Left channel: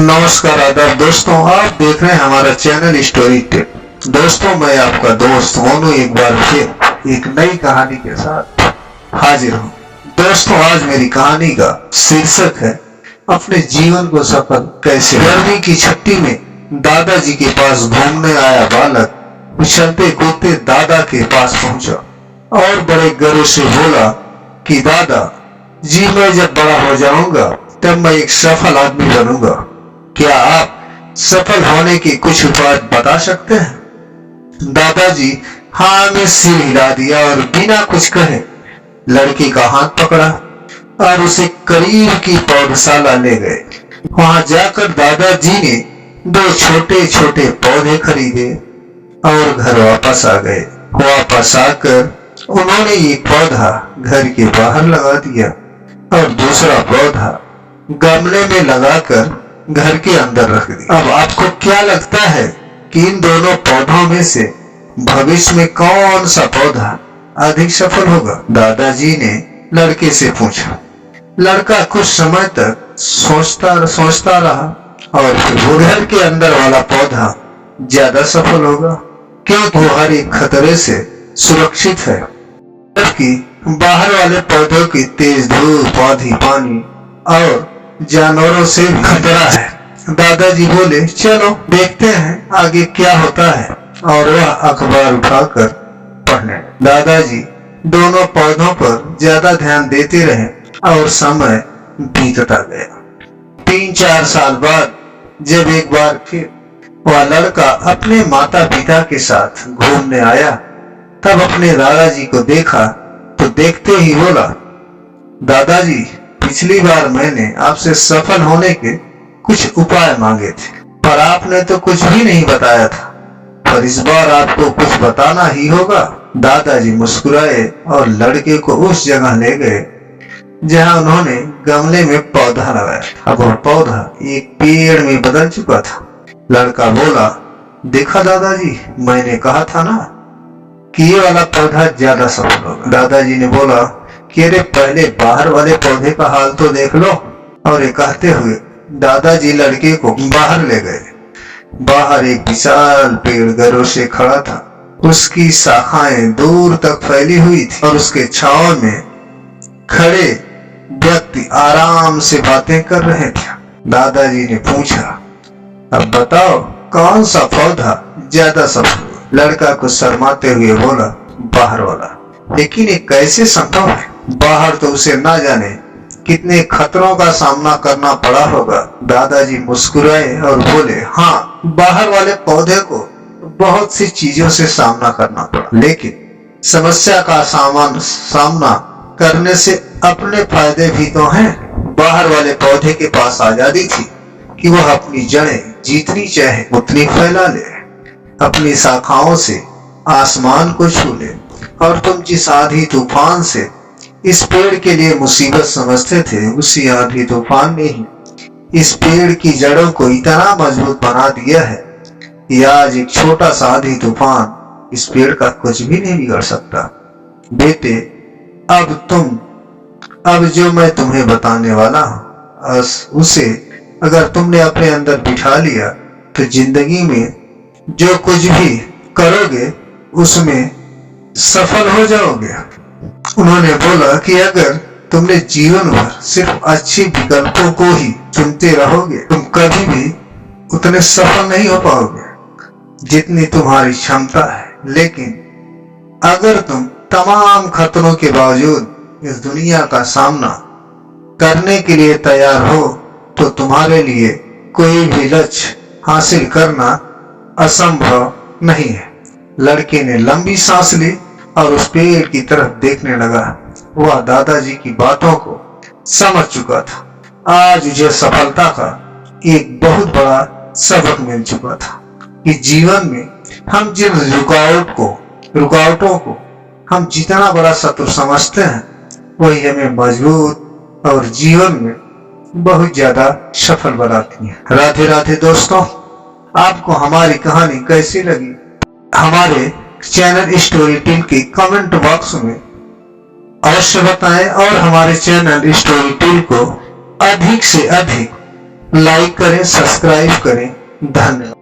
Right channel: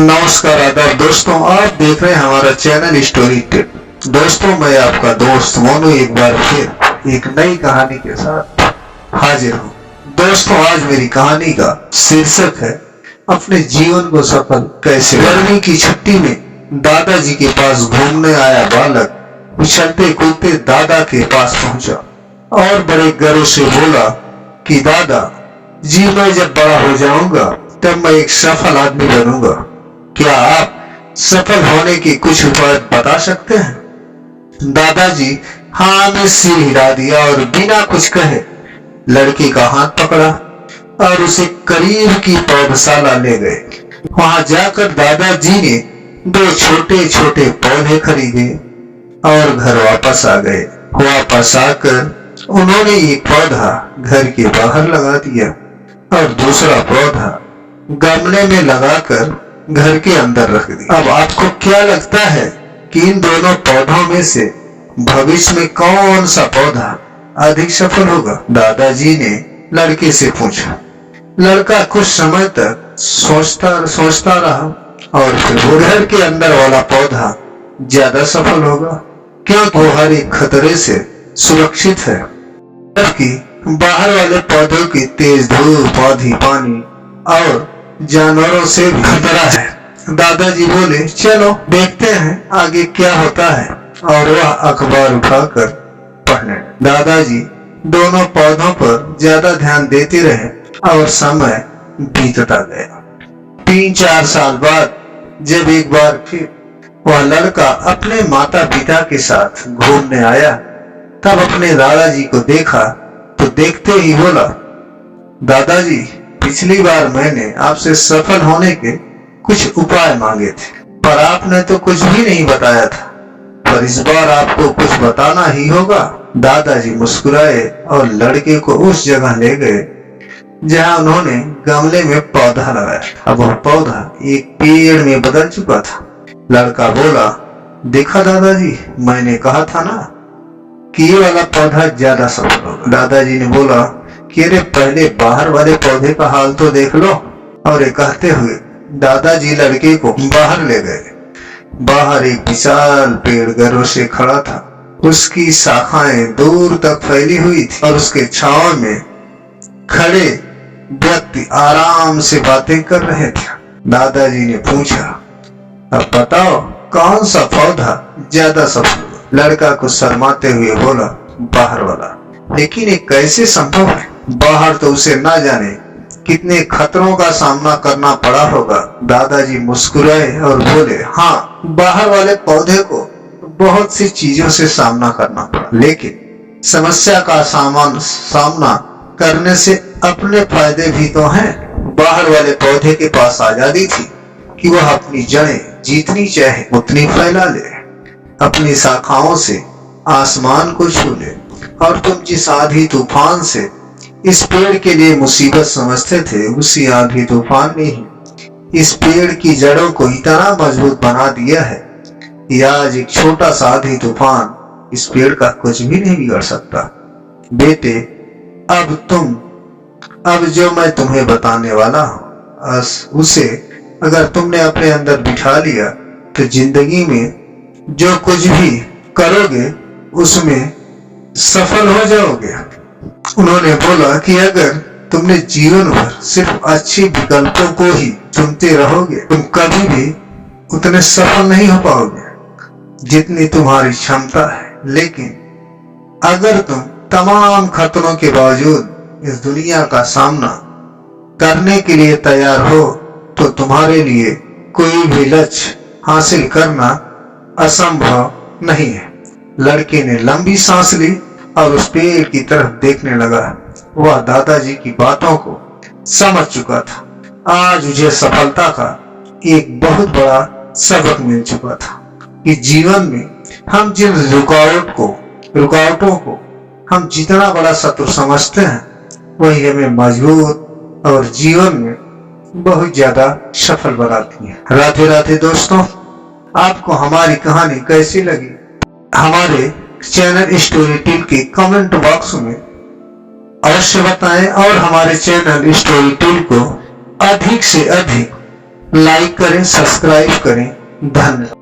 नमस्कार आदाब दोस्तों, आप देख रहे हैं हमारा चैनल स्टोरी टिप। दोस्तों, मैं आपका दोस्त मोनू एक बार फिर एक नई कहानी के साथ हाजिर हूँ। दोस्तों, आज मेरी कहानी का शीर्षक है अपने जीवन को सफल कैसे। गर्मी की छुट्टी में दादाजी के पास घूमने आया बालक उछलते कूदते दादा के पास पहुंचा और बड़े गर्व से बोला कि दादा जी, मैं जब बड़ा हो जाऊंगा तब मैं एक सफल आदमी बनूंगा। क्या आप सफल होने के कुछ उपाय बता सकते हैं? दादाजी हाँ में सिर हिला दिया और बिना कुछ कहे लड़के का हाथ पकड़ा और उसे करीब की पौधशाला ले गए। वहां जाकर दादाजी ने दो छोटे छोटे पौधे खरीदे और घर वापस आ गए। वापस आकर उन्होंने एक पौधा घर के बाहर लगा दिया और दूसरा पौधा गमले में लगाकर घर के अंदर रख दिया। अब आपको क्या लगता है कि इन दोनों पौधों में से भविष्य में कौन सा पौधा अधिक सफल होगा? दादाजी ने लड़के से पूछा। लड़का कुछ समय तक सोचता रहा और फिर वो घर के अंदर वाला पौधा ज्यादा सफल होगा, क्योंकि वो हर एक खतरे से सुरक्षित है, जबकि बाहर वाले पौधों की तेज धूप, आंधी, पानी और जानवरों से भी खतरा है। दादाजी बोले, चलो देखते हैं आगे क्या होता है, और वह अखबार उठाकर पढ़ने। दादाजी दोनों पौधों पर ज्यादा ध्यान देते रहे और समय बीतता गया। 3-4 साल बाद जब एक बार फिर वह लड़का अपने माता पिता के साथ घूमने आया, तब अपने दादाजी को देखा तो देखते ही बोला, दादाजी पिछली बार मैंने आपसे सफल होने के कुछ उपाय मांगे थे, पर आपने तो कुछ भी नहीं बताया था, पर इस बार आपको कुछ बताना ही होगा। दादाजी मुस्कुराए और लड़के को उस जगह ले गए जहां उन्होंने गमले में पौधा लगाया था। अब वह पौधा एक पेड़ में बदल चुका था। लड़का बोला, देखा दादाजी, मैंने कहा था ना कि ये वाला पौधा ज्यादा सफल होगा। दादाजी ने बोला कि अरे पहले बाहर वाले पौधे का हाल तो देख लो। और ये कहते हुए दादाजी लड़के को बाहर ले गए। बाहर एक विशाल पेड़ गर्व से खड़ा था। उसकी शाखाएं दूर तक फैली हुई थी और उसके छांव में खड़े व्यक्ति आराम से बातें कर रहे थे। दादाजी ने पूछा, अब बताओ कौन सा पौधा ज्यादा सफल हुआ? लड़का को शर्माते हुए बोला, बाहर वाला। लेकिन ये कैसे संभव है? बाहर तो उसे ना जाने कितने खतरों का सामना करना पड़ा होगा। दादाजी मुस्कुराए और बोले, हाँ, बाहर वाले पौधे को बहुत सी चीजों से सामना करना पड़ा, लेकिन समस्या का सामना करने से अपने फायदे भी तो हैं। बाहर वाले पौधे के पास आजादी थी कि वह अपनी जड़ें जितनी चाहे उतनी फैला ले, अपनी शाखाओं से आसमान को छू ले। और तुम जिस आंधी तूफान से इस पेड़ के लिए मुसीबत समझते थे, उसी आंधी तूफान ने ही इस पेड़ की जड़ों को इतना मजबूत बना दिया है कि आज एक छोटा सा आंधी तूफान इस पेड़ का कुछ भी नहीं बिगाड़ सकता। बेटे, अब जो मैं तुम्हें बताने वाला हूँ, उसे अगर तुमने अपने अंदर बिठा लिया तो जिंदगी में जो कुछ भी करोगे उसमें सफल हो जाओगे। उन्होंने बोला कि अगर तुमने जीवन भर सिर्फ अच्छी विकल्पों को ही चुनते रहोगे, तुम कभी भी उतने सफल नहीं हो पाओगे जितनी तुम्हारी क्षमता है। लेकिन अगर तुम तमाम खतरों के बावजूद इस दुनिया का सामना करने के लिए तैयार हो, तो तुम्हारे लिए कोई भी लक्ष्य हासिल करना असंभव नहीं है। लड़के ने लंबी सांस ली और उस पेड़ की तरफ देखने लगा। वह दादाजी की बातों को समझ चुका था। आज उसे सफलता का एक बहुत बड़ा सबक मिल चुका था कि जीवन में हम जिन रुकावटों को हम जितना बड़ा शत्रु समझते हैं, वही हमें मजबूत और जीवन में बहुत ज्यादा सफल बनाती है। राधे राधे दोस्तों, आपको हमारी कहानी कैसी लगी हमारे चैनल स्टोरी टिल के कमेंट बॉक्स में अवश्य बताएं और हमारे चैनल स्टोरी टिल को अधिक से अधिक लाइक करें, सब्सक्राइब करें। धन्यवाद।